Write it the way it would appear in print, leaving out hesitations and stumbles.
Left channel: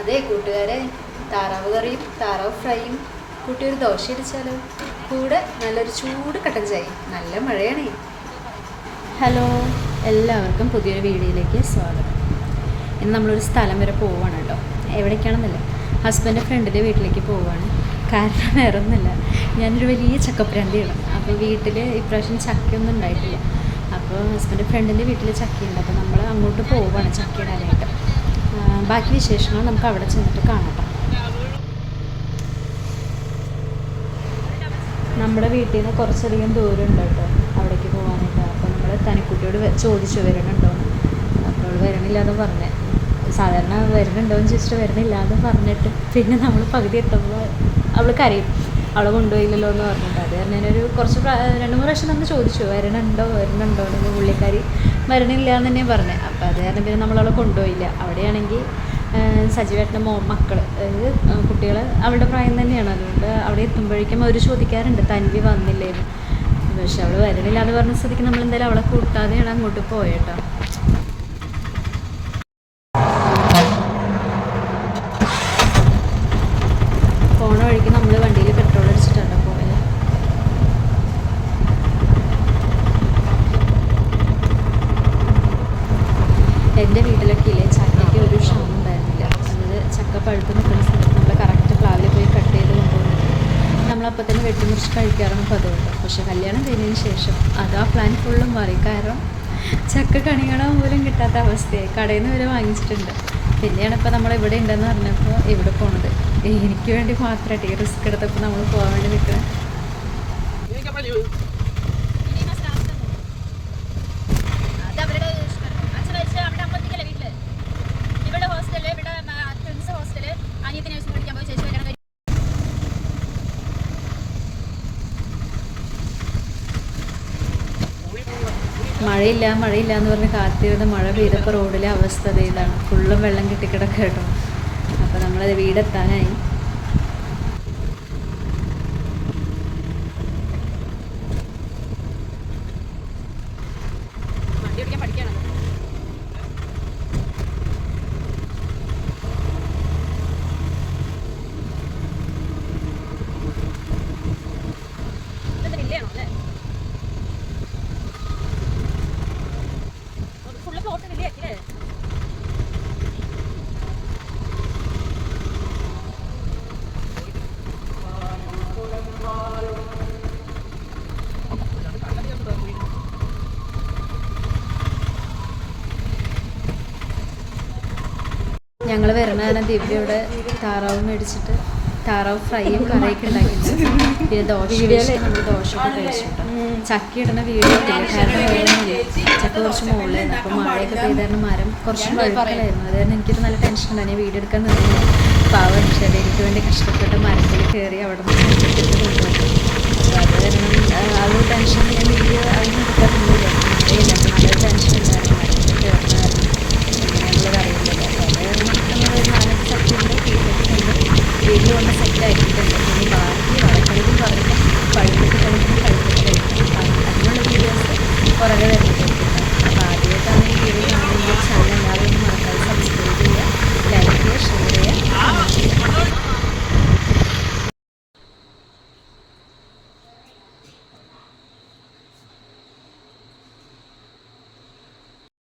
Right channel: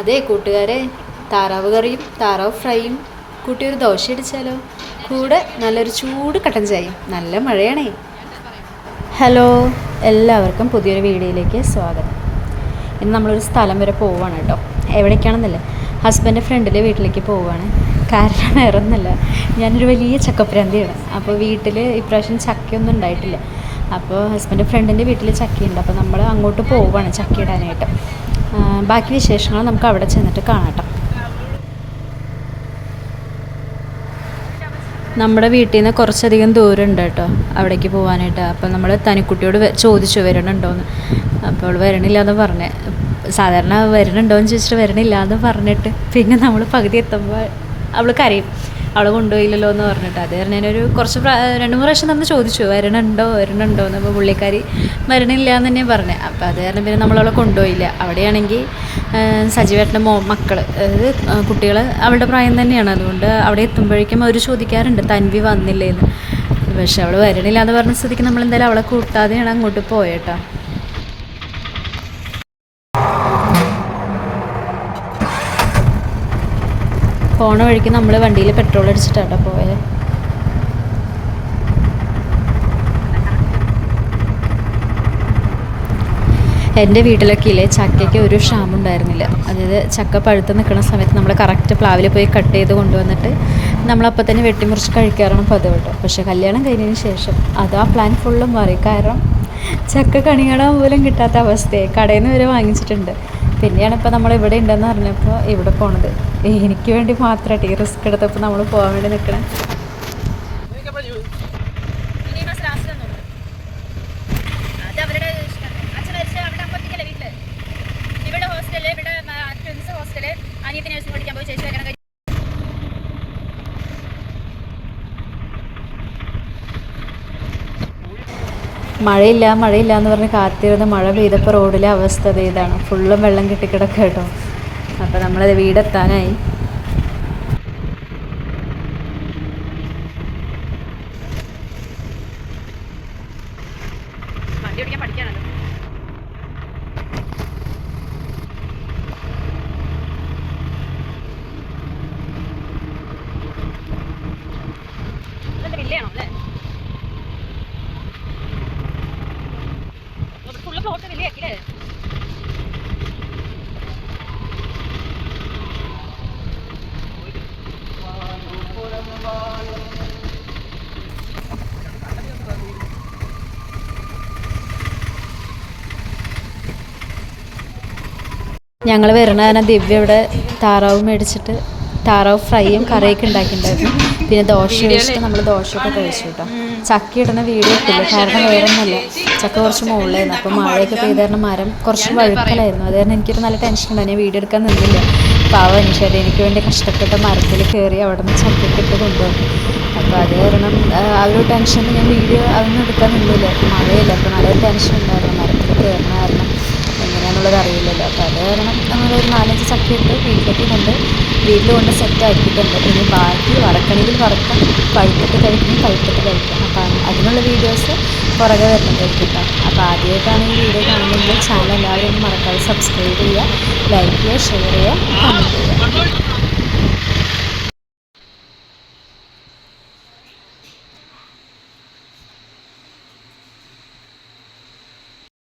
അതെ കൂട്ടുകാരെ, താറാവ് കറിയും താറാവ് ഫ്രൈയും കൂട്ടി ഒരു ദോശ അടിച്ചാലോ? കൂടെ നല്ലൊരു ചൂട് കട്ടൻ ചായയും. നല്ല മഴയാണേ. ഹലോ, എല്ലാവർക്കും പുതിയൊരു വീഡിയോയിലേക്ക് സ്വാഗതം. ഇന്ന് നമ്മളൊരു സ്ഥലം വരെ പോവുകയാണ് കേട്ടോ. എവിടേക്കാണെന്നല്ലേ, ഹസ്ബൻഡ് ഫ്രണ്ടിൻ്റെ വീട്ടിലേക്ക് പോവുകയാണ്. കാരണം വേറെ ഒന്നുമല്ല, ഞാനൊരു വലിയ ചക്കപ്രാന്തിയാണ്. അപ്പോൾ വീട്ടിൽ ഇപ്രാവശ്യം ചക്കയൊന്നും ഉണ്ടായിട്ടില്ല. അപ്പോൾ ഹസ്ബൻഡ് ഫ്രണ്ടിൻ്റെ വീട്ടിൽ ചക്കയുണ്ട്. അപ്പോൾ നമ്മൾ അങ്ങോട്ട് പോവുകയാണ് ചക്ക ഇടാനായിട്ട്. ബാക്കി വിശേഷങ്ങൾ നമുക്ക് അവിടെ ചെന്നിട്ട് കാണാം. നമ്മുടെ വീട്ടിൽ നിന്ന് കുറച്ചധികം ദൂരം ഉണ്ട് കേട്ടോ അവിടേക്ക് പോകാനായിട്ട്. അപ്പോൾ നമ്മൾ തനിക്കുട്ടിയോട് ചോദിച്ചു വരണുണ്ടോയെന്ന്. അപ്പോൾ അവൾ വരണില്ല എന്ന് പറഞ്ഞ്, സാധാരണ വരണുണ്ടോയെന്ന് ചോദിച്ചിട്ട് വരണില്ല എന്ന് പറഞ്ഞിട്ട് പിന്നെ നമ്മൾ പകുതി എത്തുമ്പോൾ അവൾ കരയും, അവളെ കൊണ്ടുപോയില്ലല്ലോ എന്ന് പറഞ്ഞിട്ട്. അത് കാരണം ഞാനൊരു കുറച്ച് 2-3 പ്രാവശ്യം നമ്മൾ ചോദിച്ചു വരണുണ്ടോ എന്ന്. അപ്പോൾ പുള്ളിക്കാരി വരണില്ല എന്ന് തന്നെ പറഞ്ഞത്. അപ്പോൾ അത് കാരണം പിന്നെ നമ്മളവളെ കൊണ്ടുപോയില്ല. അവിടെയാണെങ്കിൽ സജീവേട്ടൻ്റെ മക്കൾ, അതായത് കുട്ടികൾ അവളുടെ പ്രായം തന്നെയാണ്. അതുകൊണ്ട് അവിടെ എത്തുമ്പോഴേക്കും അവർ ചോദിക്കാറുണ്ട് തൻവി വന്നില്ലേന്ന്. പക്ഷെ അവൾ വരണില്ല എന്ന് പറഞ്ഞ സ്ഥിതിക്ക് നമ്മളെന്തായാലും അവളെ കൂട്ടാതെയാണ് അങ്ങോട്ട് പോയേട്ടോ. പോണ വഴിക്ക് നമ്മൾ വണ്ടിയിൽ പെട്രോൾ അടിച്ചിട്ടാണ് പോയത്. എൻ്റെ വീട്ടിലൊക്കെ ഇല്ലേ ചക്കയ്ക്ക് ഒരു ക്ഷാമം ഉണ്ടായിരുന്നില്ല. അതായത് ചക്ക പഴുത്ത് നിൽക്കുന്ന സമയത്ത് നമ്മൾ കറക്റ്റ് പ്ലാവിൽ പോയി കട്ട് ചെയ്ത് കൊണ്ടുവന്നിട്ട് നമ്മളപ്പം തന്നെ വെട്ടിമുറിച്ച് കഴിക്കാറാണ് പതിവ് കേട്ടോ. പക്ഷേ കല്യാണം കഴിഞ്ഞതിന് ശേഷം അത് ആ പ്ലാൻ ഫുള്ളും മാറി. കാരണം ചക്ക കണി കാണാൻ പോലും കിട്ടാത്ത അവസ്ഥയായി. കടയിൽ നിന്ന് വരെ വാങ്ങിച്ചിട്ടുണ്ട്. പിന്നെയാണ് ഇപ്പോൾ നമ്മൾ ഇവിടെ ഉണ്ടെന്ന് പറഞ്ഞപ്പോൾ ഇവിടെ പോണത്. എനിക്ക് വേണ്ടി മാത്രമായിട്ട് ഈ റിസ്ക് എടുത്തപ്പോൾ നമ്മൾ പോകാൻ വേണ്ടി നിൽക്കണം. മഴയില്ല എന്ന് പറഞ്ഞ് കാത്തിരുന്ന് മഴ പെയ്തപ്പോൾ റോഡിലെ അവസ്ഥ ഇതാണ്. ഫുള്ളും വെള്ളം കെട്ടിക്കിടക്കുക കേട്ടോ. അപ്പോൾ നമ്മളത് വീടെത്താനായി. വണ്ടി ഓടിക്കാൻ പഠിക്കാണല്ലോ. വില്ലയാണോ അല്ലേ? ഫുള്ള് പ്ലോട്ട് വില്ലയാക്കില്ലേ? ഞങ്ങൾ വരണ ദിവ്യ ഇവിടെ താറാവ് മേടിച്ചിട്ട് താറാവ് ഫ്രൈയും കറിയൊക്കെ ഉണ്ടാക്കിയിട്ടുണ്ടായിരുന്നു. പിന്നെ ദോശ നമ്മൾ ദോശയൊക്കെ കഴിച്ചു കേട്ടോ. ചക്ക ഇടുന്ന വീഡിയോ ഇട്ടില്ല, കാരണം വേറെ ഒന്നുമല്ല, ചക്ക കുറച്ച് മുകളിലായിരുന്നു. അപ്പോൾ മഴയൊക്കെ പെയ്ത കാരണം മരം കുറച്ച് വഴുക്കലായിരുന്നു. അത് കാരണം എനിക്കൊരു നല്ല ടെൻഷൻ ഉണ്ടായിരുന്നു. ഞാൻ വീഡിയോ എടുക്കാൻ നിന്നില്ല. പാവം അനുഷ്ഠ എനിക്ക് വേണ്ടി കഷ്ടപ്പെട്ട മരത്തിൽ കയറി അവിടെ നിന്ന് ചക്കത്തിട്ട് കൊണ്ടുപോകും. അപ്പോൾ അത് കാരണം ആ ഒരു ടെൻഷൻ ഞാൻ വീഡിയോ അതൊന്നും എടുക്കാൻ നിന്നില്ല. മഴയില്ല, അപ്പോൾ നല്ലൊരു ടെൻഷൻ ഉണ്ടായിരുന്നു മരത്തിൽ കയറുന്ന കാരണം എങ്ങനെയാണെന്നുള്ളത് അറിയില്ലല്ലോ. അപ്പോൾ അത് കാരണം നമ്മളൊരു 4-5 ചക്കയുണ്ട് വീട്ടിലേക്ക് കൊണ്ട് വീട്ടിൽ കൊണ്ട് സെറ്റ് ആക്കിയിട്ടുണ്ട്. ഇനി ബാക്കി വറക്കണിയിൽ വറക്കാം, പഴുത്തിട്ട് കഴിക്കും, പഴുത്തിട്ട് കഴിക്കാം. അപ്പം അതിനുള്ള വീഡിയോസ് പുറകെ വരുന്നതായിരിക്കും. അപ്പോൾ ആദ്യമായിട്ടാണ് ഈ വീഡിയോ കാണുന്നതെങ്കിൽ